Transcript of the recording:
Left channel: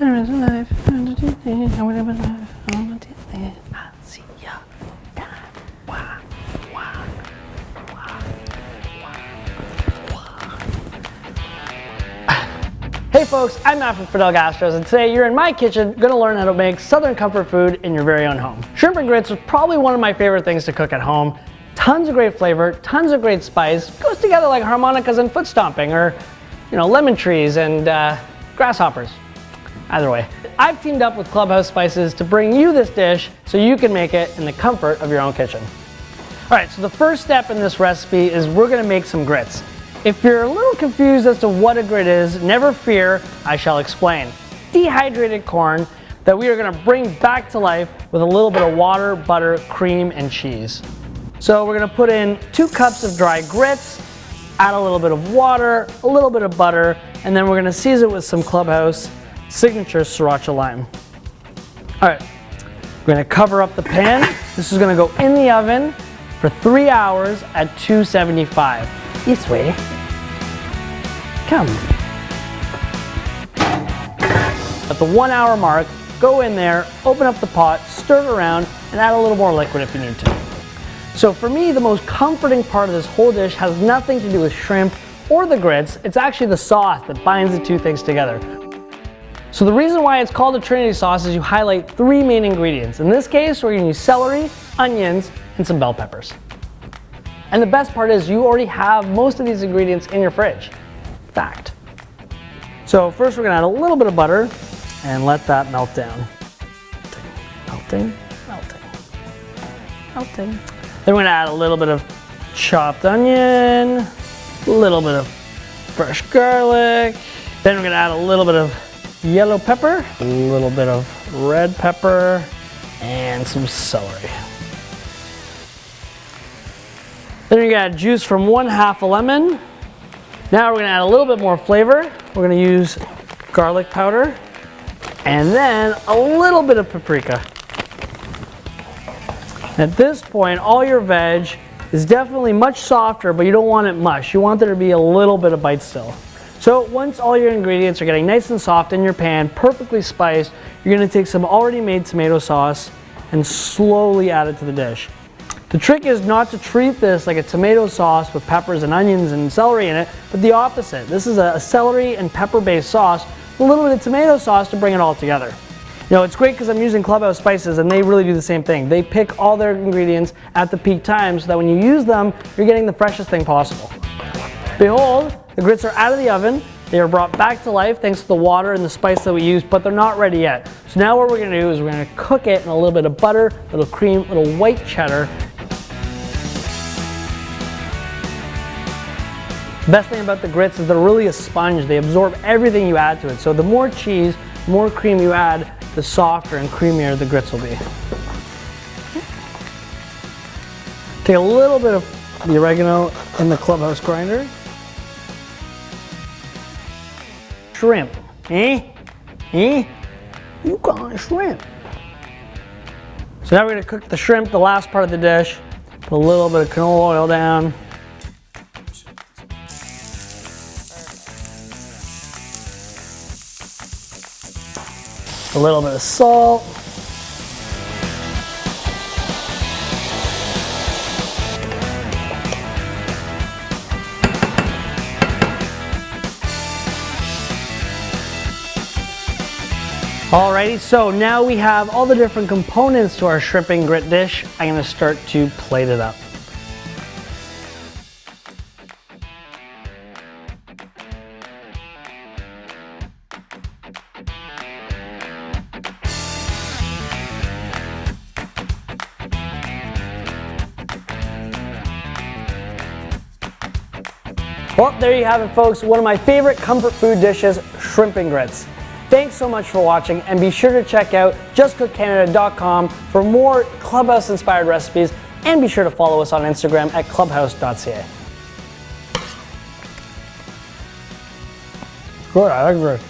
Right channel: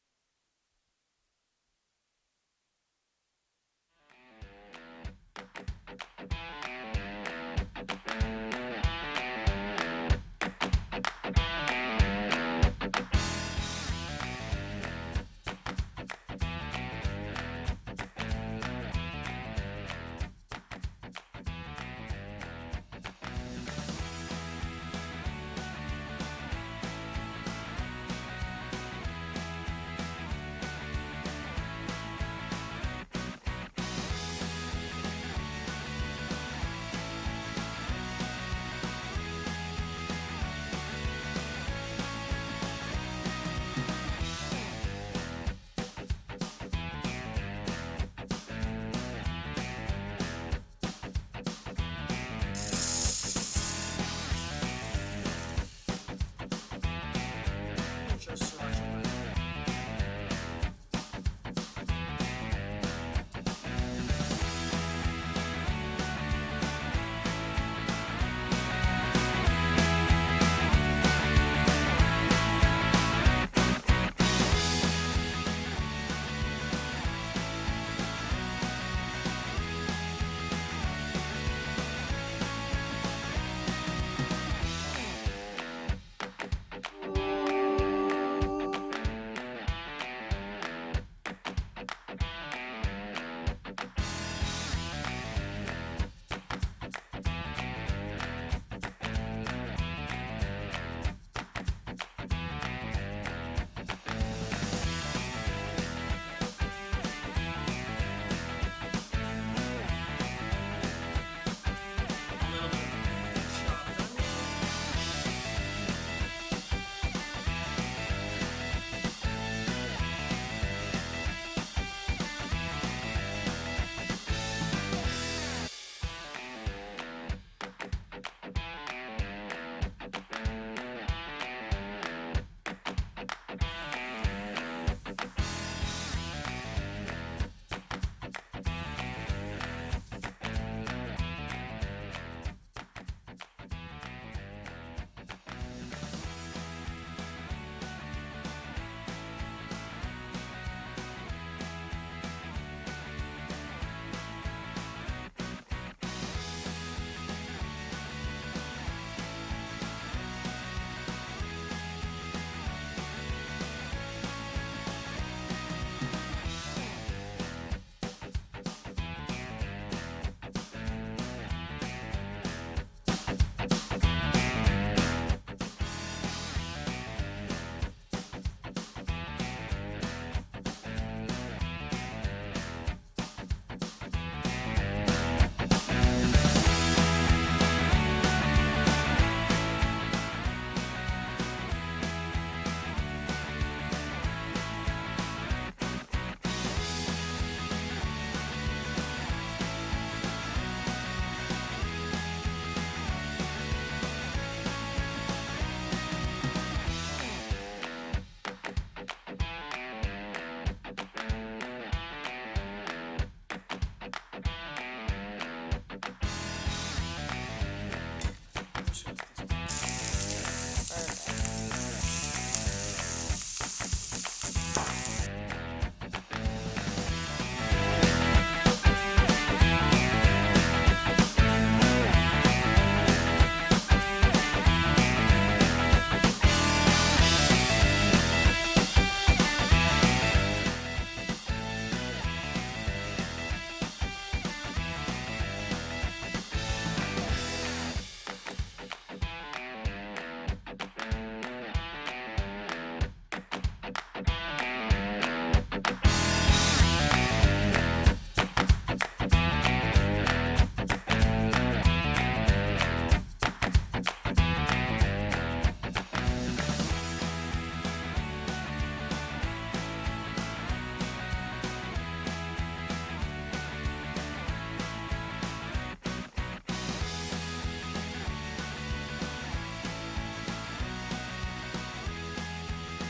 Hey folks, I'm Matt from Fidel Gastros, and today you're in my kitchen gonna learn how to make Southern comfort food in your very own home. Shrimp and grits is probably one of my favorite things to cook at home. Tons of great flavor, tons of great spice, goes together like harmonicas and foot stomping, or lemon trees and grasshoppers. Either way. I've teamed up with Clubhouse Spices to bring you this dish so you can make it in the comfort of your own kitchen. All right, so the first step in this recipe is we're gonna make some grits. If you're a little confused as to what a grit is, never fear, I shall explain. Dehydrated corn that we are gonna bring back to life with a little bit of water, butter, cream, and cheese. So we're gonna put in 2 cups of dry grits, add a little bit of water, a little bit of butter, and then we're gonna season it with some Clubhouse Signature Sriracha Lime. All right, we're gonna cover up the pan. This is gonna go in the oven for 3 hours at 275. This way. Come. At the 1 hour mark, go in there, open up the pot, stir it around, and add a little more liquid if you need to. So for me, the most comforting part of this whole dish has nothing to do with shrimp or the grits. It's actually the sauce that binds the two things together. So the reason why it's called a trinity sauce is you highlight 3 main ingredients. In this case, we're gonna use celery, onions, and some bell peppers. And the best part is you already have most of these ingredients in your fridge. Fact. So first we're gonna add a little bit of butter and let that melt down. Melting, melting, melting. Then we're gonna add a little bit of chopped onion, a little bit of fresh garlic. Then we're gonna add a little bit of yellow pepper, a little bit of red pepper, and some celery. Then you're gonna add juice from 1/2 a lemon. Now we're gonna add a little bit more flavor. We're gonna use garlic powder and then a little bit of paprika. At this point, all your veg is definitely much softer, but you don't want it mush. You want there to be a little bit of bite still. So once all your ingredients are getting nice and soft in your pan, perfectly spiced, you're gonna take some already made tomato sauce and slowly add it to the dish. The trick is not to treat this like a tomato sauce with peppers and onions and celery in it, but the opposite. This is a celery and pepper-based sauce, with a little bit of tomato sauce to bring it all together. It's great because I'm using Clubhouse Spices and they really do the same thing. They pick all their ingredients at the peak time so that when you use them, you're getting the freshest thing possible. Behold, the grits are out of the oven. They are brought back to life thanks to the water and the spice that we used, but they're not ready yet. So now what we're gonna do is we're gonna cook it in a little bit of butter, a little cream, a little white cheddar. The best thing about the grits is they're really a sponge. They absorb everything you add to it. So the more cheese, the more cream you add, the softer and creamier the grits will be. Take a little bit of the oregano in the Clubhouse grinder. Shrimp. You call it shrimp. So now we're gonna cook the shrimp, the last part of the dish. Put a little bit of canola oil down. A little bit of salt. Alrighty, so now we have all the different components to our shrimp and grit dish. I'm gonna start to plate it up. Well, there you have it, folks. One of my favorite comfort food dishes, shrimp and grits. Thanks so much for watching, and be sure to check out justcookcanada.com for more Clubhouse-inspired recipes, and be sure to follow us on Instagram at clubhouse.ca. Good, I like this.